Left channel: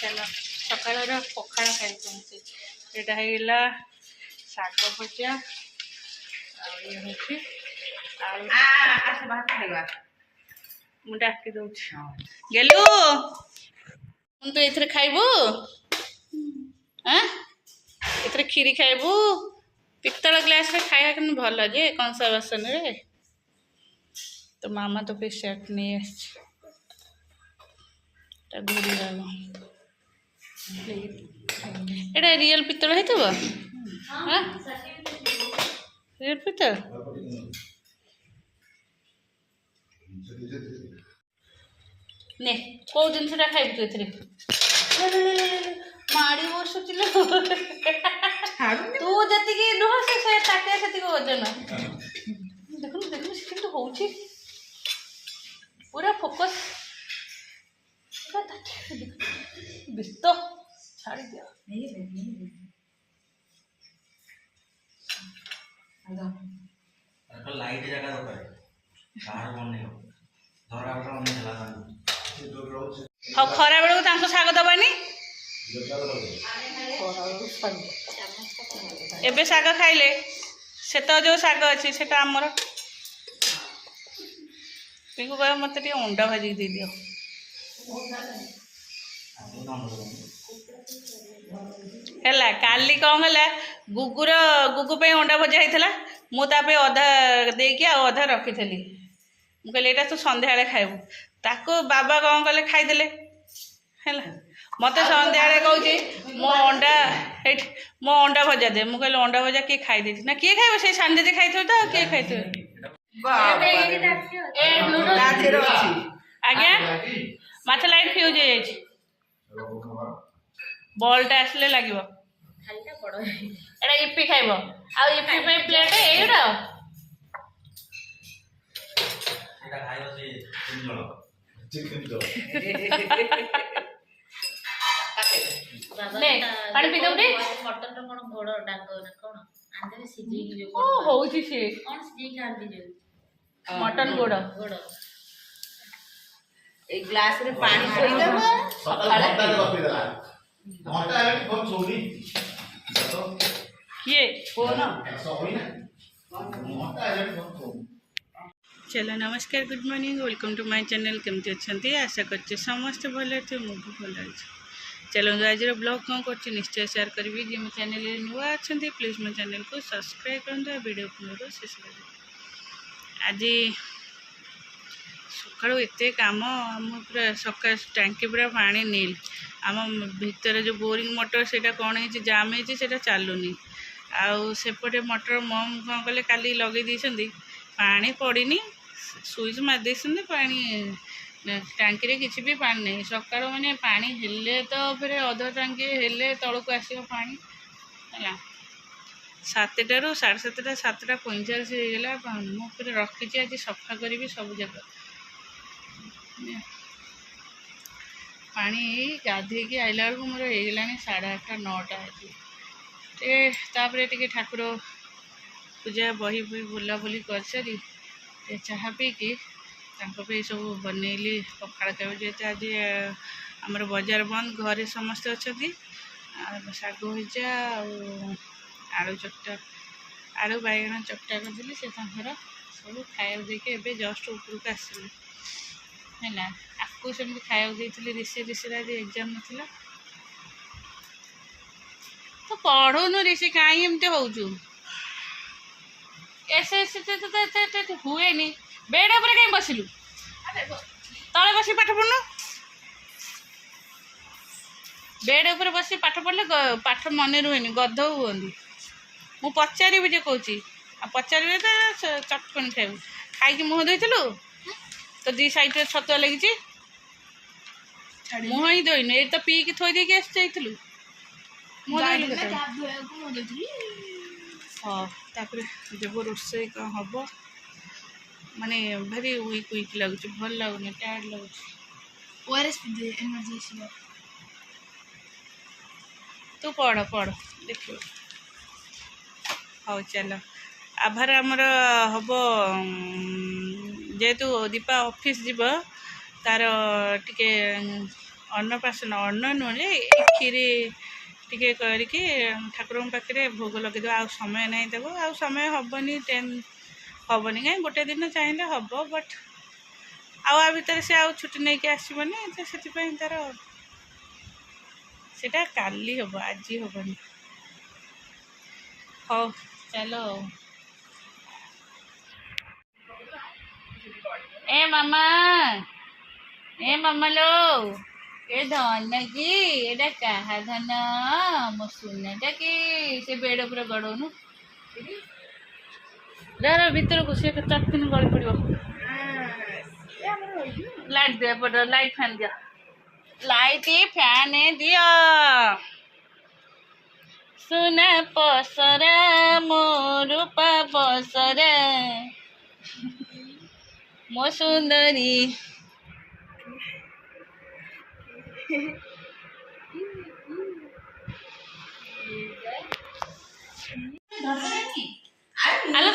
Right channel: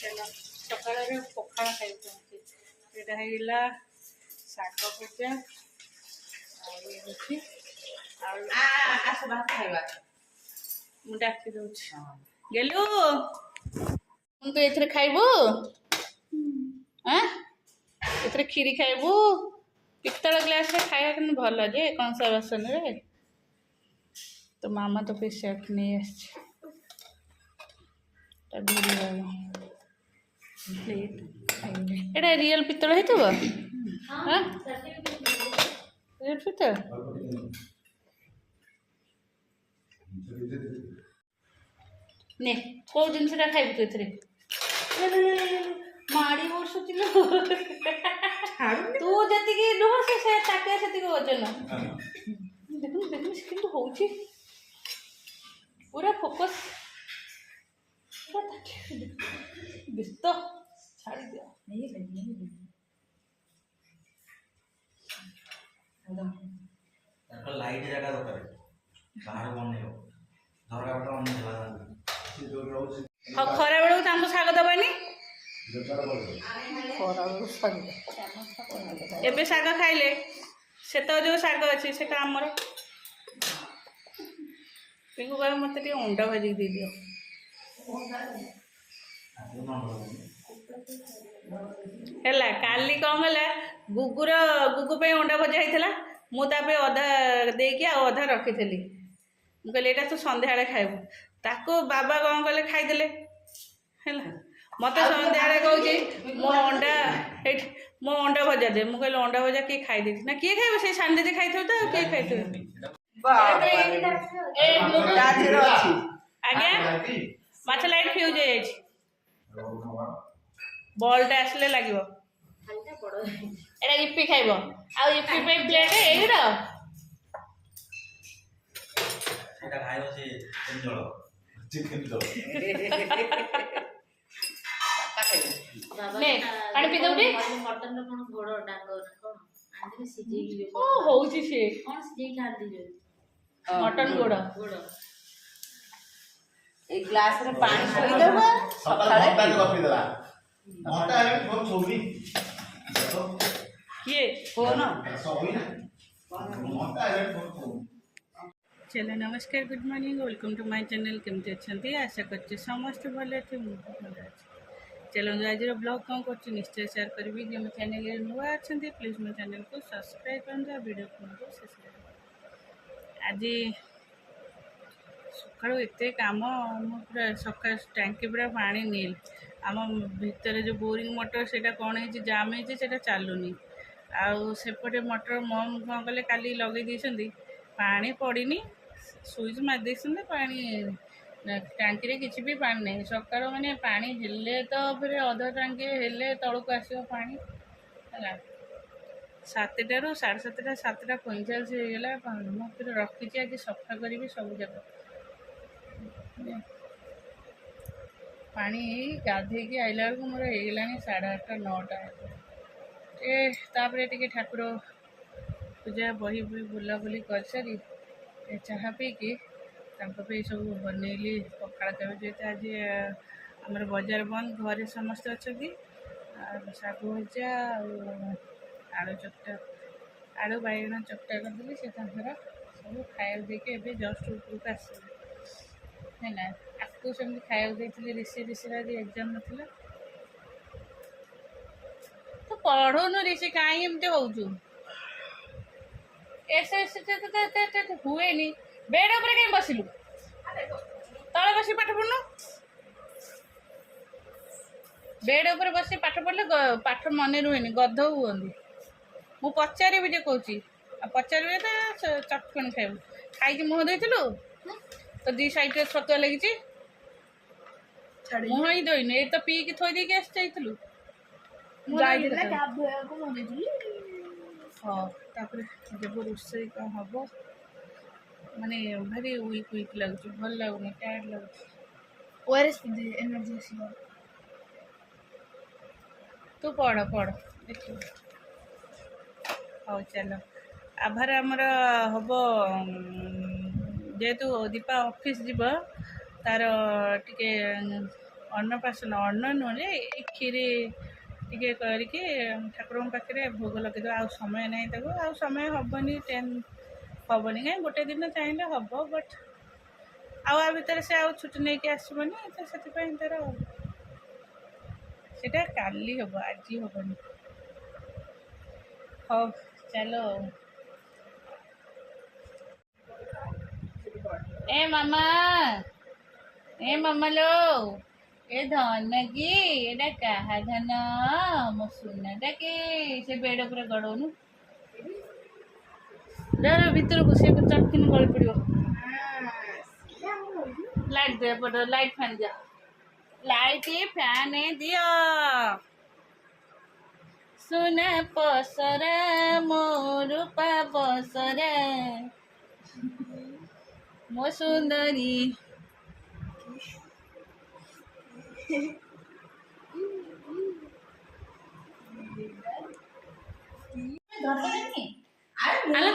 चलो सकाल पखाड़ खाई यहाँ है शाग भजा मुझे डाकी दौर गेलु तू ये खाइबू एथरे खीरी खाइबू पितल ग्लास रे खाया कि भल जे कंसा बासन रे तो मामा तो फिर सेट नहीं घूरी एटा रियल पितल है रियल पितल ने कौ जिनसा खाइबू तू एथरे माड़ी वर्ष चिल तू जी नुह से ताटिया से वजन देखु देखु से हो पूरा फोकस व्यस्त छाड़ी दिया लाइट जगह बाहर बने हाँ खरा बेलू शाग दबानी एबे शाग खाइले से तो जो शाग अच्छी से आमर पिंकू कह मत अंडा भाजी दे दियो है काली कौन है गुगुर गुगु पे अंडा भजा होता मुझे अधा देकी अधा रखी मुझे यहाँ तू सन्ध्या खाइबू ताको बाबा कौन कले खाईदे है मत सन्ध्या कौच मो अंडा भजा दे मुझे अंडा भजा किए खाई ना किए खाइब से सानी दीदी खाई तो किए खाई आज्ञा मत लाइट फ्यूज हो बल्टा आसले लगे एटा इपी खाइब आ इपी पे प्लेट एटा ने पानी पी दउटी मटन रो कोन घोड़ डांग न कोन आंदे सिजी जो ओ होउची से कोन सिजी खांदी जो मटन गोड़ घोड़ एक ग्लास रे पानी छोड़ी देबो सकाळ घंटा कॉफी देला घंटा है फोन छोड़ी तो ये फोन सोई ना घंटा है फोन चलो नमस्कार good morning welcome to my channel केमती अच्छे आशा करते समस्त भल थे मुझे भल अच्छे चलो आज ब्लॉग कौन कर निश्चय शेयर करी जी मो चैनल नुआ अच्छा प्लीज मो चैनल को सब्सक्राइब कर वीडियो पूरा शेष आज सकालू एत कम आम पूरा सका टांकी पूरा पानी नील आम भितर जो बोरिंग मोटर से कौन है जाम है चलुनी आउपटे मोटर मम कौन कले काली लगे पानी पड़नी स्विच मारी पानी टांकी रे किसी भी पानी नहीं सकाल मैंने पानी हेले तो फिर अध टांकी हेले तलक आसो पानी है 7टारू 7:30 7:45 होगा पानी मुझे रखी आज सफा करी सब जगह पानी गाधे आइला बेलू मोर होगा 8:30 9टा टे ठाकुर पूजा बही बही बुलाबुली कर सारी चाह पी कि सब बनैली पखाड़ खाए जेते आज आमर बाजार बंद घरे समस्ते अच्छा शाग भजा आलू चकटा आलू बैगण चकटा करी से सब खाया देखे एवं जस्ट उपरक आसली है आपको सेमती खाया देती ऋषि आज एग्जाम नाला तो पढ़ुनु ऋषि कहीं एमती होचु हुए नी बेड उपर कहीं बसिलु तले बस पाठ पढ़नु बेड उपर बस पाठ पढ़ले पाठ मन रुहे गध हुआ मु पचारि जे कौच पचारि तो चटकणी खाइबू खाई मुह धोलु तो दी साइड छतुआ लगी मुह ही धोइन ये तो पीकी थोई देकी आस जाइलु हाँ तापर जब रोसे कौन हम माने भारी वीक लगुच भल लगुनि टायर्ड लगुच तू पढ़ देख हाँ चल आभार आमर हम जेहेतु दीपा ऑफिस जीव तार टिके ଅନ୍ନପ୍ରାଶନ ଅନ୍ନ ନୁହେଁ ଯେ ଏଇ କ୍ଷୀରି ଟିକେ କରିକି ଠାକୁରଙ୍କ ପାଖରେ ଭୋଗ ଲଗେଇଦେବା। ଆଉ ସମୟ ନାହିଁ ତାକୁ, ଆଉ ସମୟ ହେବନି, ହେବନି କାହିଁ ଗୋଟେ ଦିନ ଚାହିଁଲେ ହେବ, ବଟ୍ ଆଉ ଆ ଭିତରେ ସେ ଆଉ ଛୁଟି ନେଇକି ଆସିବନି, ତ ସେଥିପାଇଁ ତାର ସେଟା କାଲି ହେବ, ଆଜି ହେବନି। ହଉ ଚାଲ। ए मामा लो ए धन की एटा कहा धन मो सुनाटा कि से बेड पूरा गड़ौनु भीतर को से दिन गली पड़ो। लाइट दिया पड़ो, लाइट फैन दिया, लाइट फैन दिया। सुना पसरा मो रूपा पसरा मो सुंदरी। आलो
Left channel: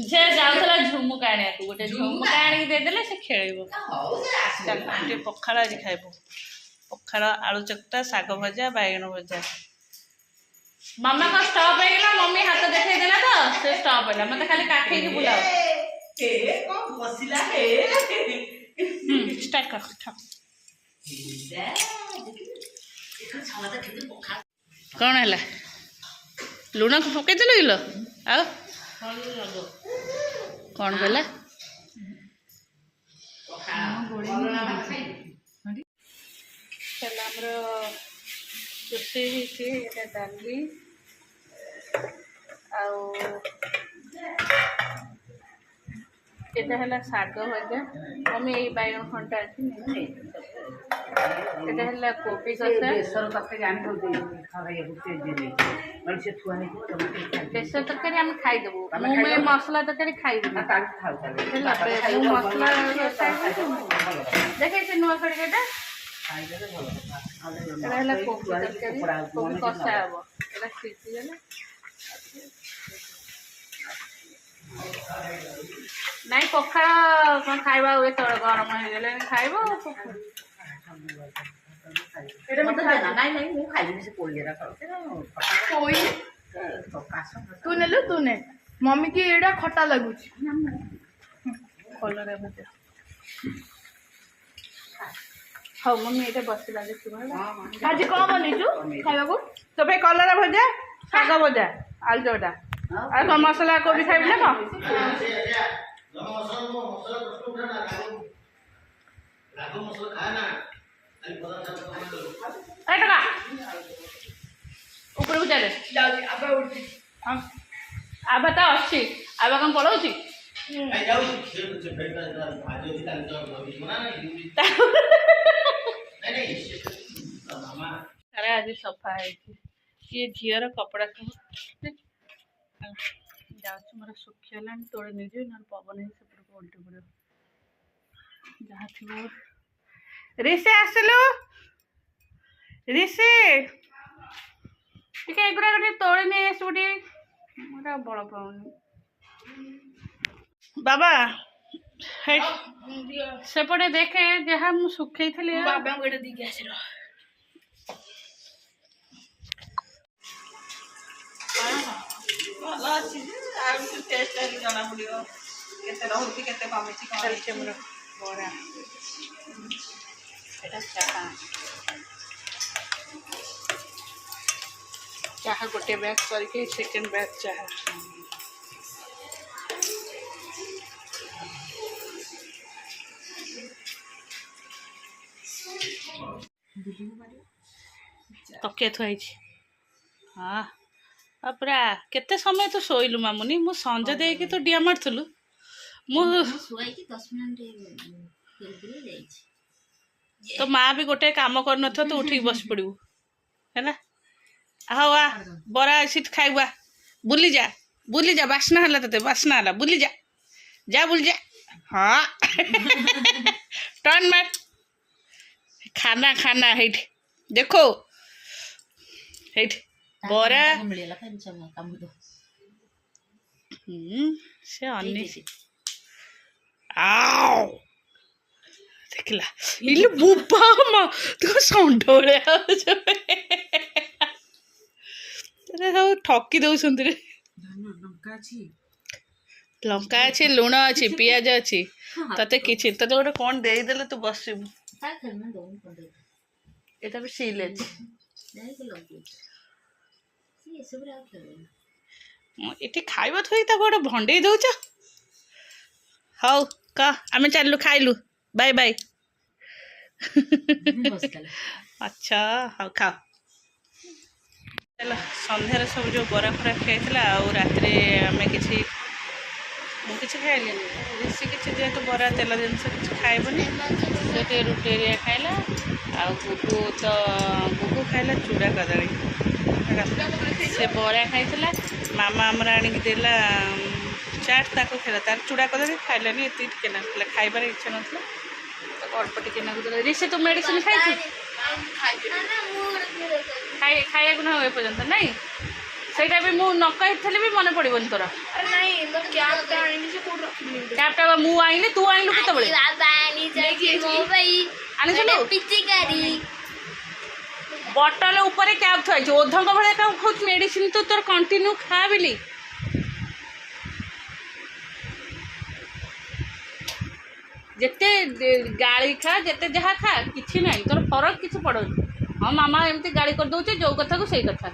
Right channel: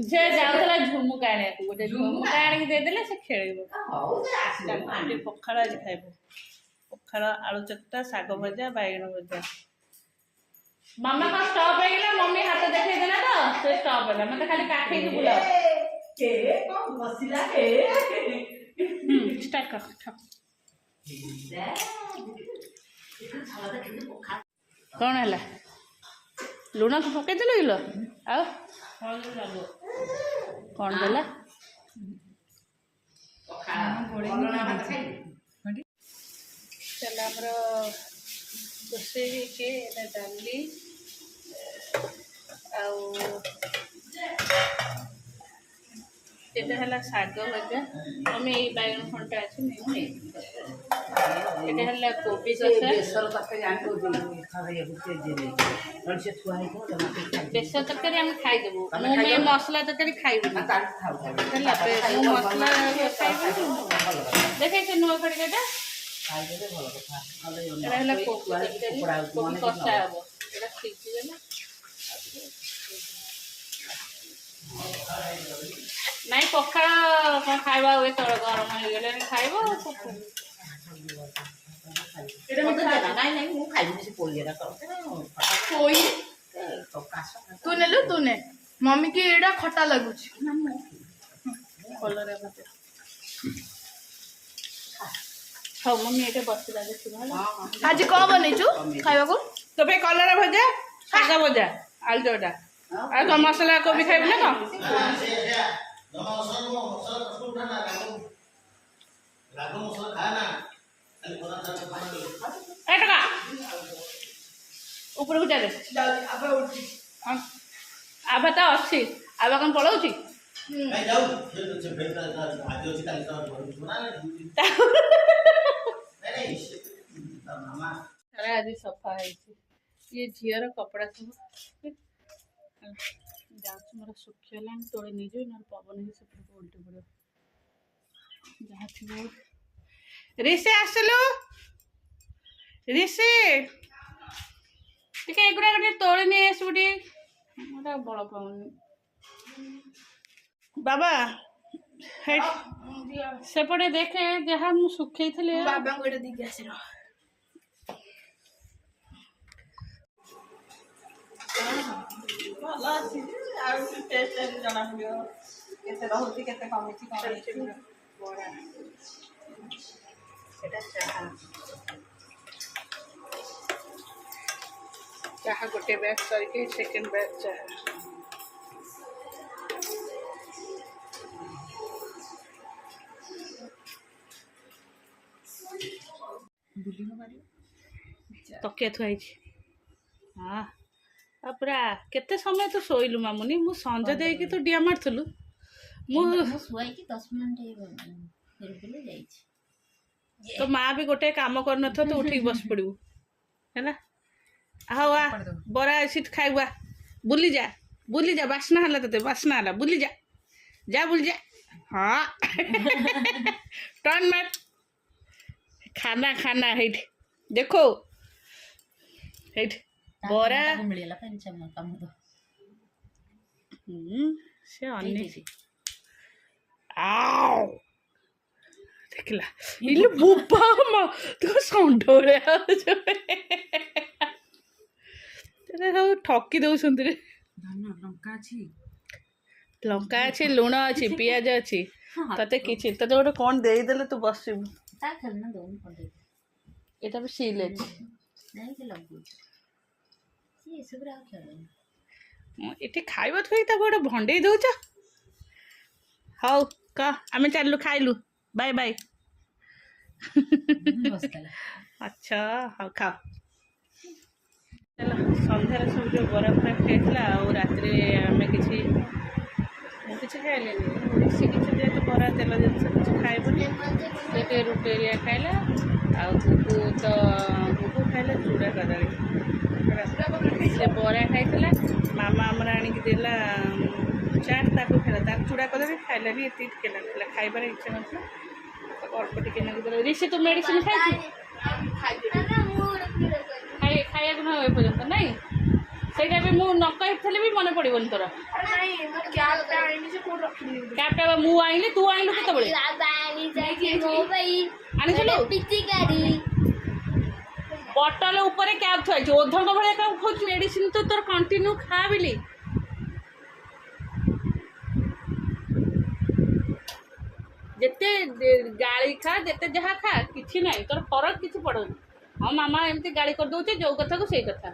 झे जाऊला झुमुका आने को गोटे झुमुका आनी देदेले से खेलिबो। चल पखाड़ आज खाइबो, पखाड़ आलू चकटा, साग भजा, बैगन भजा। मामा का स्टॉप है ना, मम्मी हाथ देखे देला तो से स्टॉप है मते खाली काखे की बुलाओ ए कोन बसिला ए स्टार्ट कर ठक कौन है लुण को पकई देल किलो आ कौन कहला चल आमर रोषे डाली आटा है शाग भजा। मम्मी यही बैगन खंटा अच्छी है कोबी कषा बेसर तरकारी आम खाईदेबू। मुझे मसला तरकारी खाइबू मसला देखे से नुआ खड़िका कोबी तरकारी कोबी कषा हम एटा सीझीगला नाई पखाड़ खाइबा हुए तो गरम हो गले खाइब तू नेलु तू ने मम्मी की एडा खट्टा लगुच कलर भजा। हाँ मम्मी ये बसला देखा आज कौन बनईचु खाइबा को तो भाई कलर भजा, शाग भजा, आलू चोटा आ मसला कोबी खाइब ना कौन ऊपर को चले आबा तो अच्छी आबा कौन पलाऊँ अरे आज सफा है ये झीर कपड़ा सब जाऊँ मोर सुखीगला तोड़े नहीं जाए ना पवन से उल्टी पड़ो जहाँ थी ऋषि आसलु ऋषि टे एगुरा गोटे तोड़े नहीं आसबू टे मोटा बड़ पाऊनी बाबा सेपटे देखे जहाँ मुझे सुखई थी बाबा को दीकी आस भल अच्छी टेस्ट जना पड़ो केते रोचे केते कमी बड़ा एटा चाहा चाहा गोटे बैग करके सेकेंड बैग चाहा तकिया थुआई हाँ पूरा केते समय तू शोइलु मामुनी मु संज देकी तू डिया मारथुलु मु तो माँ भी गोटे काम कर न तो उठी बस पड़ू है ना हाँ आ बरा सीट खाइबा बुली जा बासना हला तते बासना हला बुली जा बुली जा हाँ टर्न मार खाना खाना हेठ देखो हेठ बरा से अन्य आओ ଦେଖିଲା ଇଲୁ ବୋପା ମା ତୁ ଷଣ୍ଢ ଭଳିଆ ହଉଛୁ। ସବୁ ଠକି ଦଉଛନ୍ତି ରେ। ଲଙ୍କା ଅଛି, ଲୁଣ ଅଛି, ପିଆଜ ଅଛି, ତତେ କିଛି ତତେ ଗୋଟେ କ'ଣ ଦେଇଦେଲେ ତୁ ବସିବୁ। ଏଟା ବି ସିଲ୍ ଅଛି। ଏଠି ଖାଇବା ଥୋଇ ତାକୁ ଗୋଟେ ଭଣ୍ଡେଇ ଦଉଛ। ହଉ କହ ଆମେ ଚାଲିଲୁ ଖାଇଲୁ ବାଇ ବାଇ। ଆଚ୍ଛା ହଉ ଖାଅ। ହେଲା ସନ୍ଧ୍ୟାରେ ସବୁ ଯେଉଁ ବରା ଫରା ଖାଇଥିଲା ଆଉ ରାତିରେ ଆମେ କିଛି ମୁଁ କିଛି ଖାଇଲିନି ବେଶୀ କିଛି ଯେହେତୁ ବରା ତେଲ ଜିନିଷ କିଛି ଖାଇବନି ସେ ଟିକେ ରୁଟି ଏରିଆ ଖାଇଲା ଆଉ ଗୁଗୁ ଖାଇଲା ଚୁଡ଼ା କଦଳୀ। ସେ ବରା ଖାଇଥିଲା ମାମା ଆମର ଆଣିକି ଦେଲା ଚାଟ୍ ତାକୁ ଖାଇଲା ତାର ଚୁଡ଼ା କଦଳୀ ଖାଇଲାନି ଏତିକି ଟିକେ ନଥିଲା ଖାଇବାର ଇଚ୍ଛା ନଥିଲା ତାକୁ ଅଳ୍ପ ଟିକେ ନାକୁ ଦେଲା। ରିସି ତୁ ମେଡ଼ିସିନ ଖାଇଛୁ ଖାଇବାକୁ ନା ଏପର୍ଯ୍ୟନ୍ତ ନାଇଁ ସେଇଟା ବି ମୁଁ ନ କହିଥିଲେ ବି ମନେ ପଡ଼ିବନି ତୋର। କ୍ୟାପ୍ଟା ମୁଁ ଆଣିଲି ତୁ ଆଣିଲୁ କେତେବେଳେ ଆଣିଥିଲୁ ବଟଲ ଉପରେ କ୍ୟାପ୍ ଥୁଆଇଛୁ ଓଧଙ୍କ ଭଳିଆ କାମ ଖାଉଛୁ ମେଡ଼ିସିନ ତୁ ତୋର କଣ୍ଟିନ୍ୟୁ ଖା ବିଲି। ଯେତେ ଗାଳି ଖା ଯେତେ ଯାହା ଖା କିଛି ନାହିଁ ତୋର ଫରକ କିଛି ପଡ଼ୁନି। ହଁ ମାମା ଏମିତି ଗାଳି କରିଦେଉଛି ଯେଉଁ କଥାକୁ ସେଇ କଥା।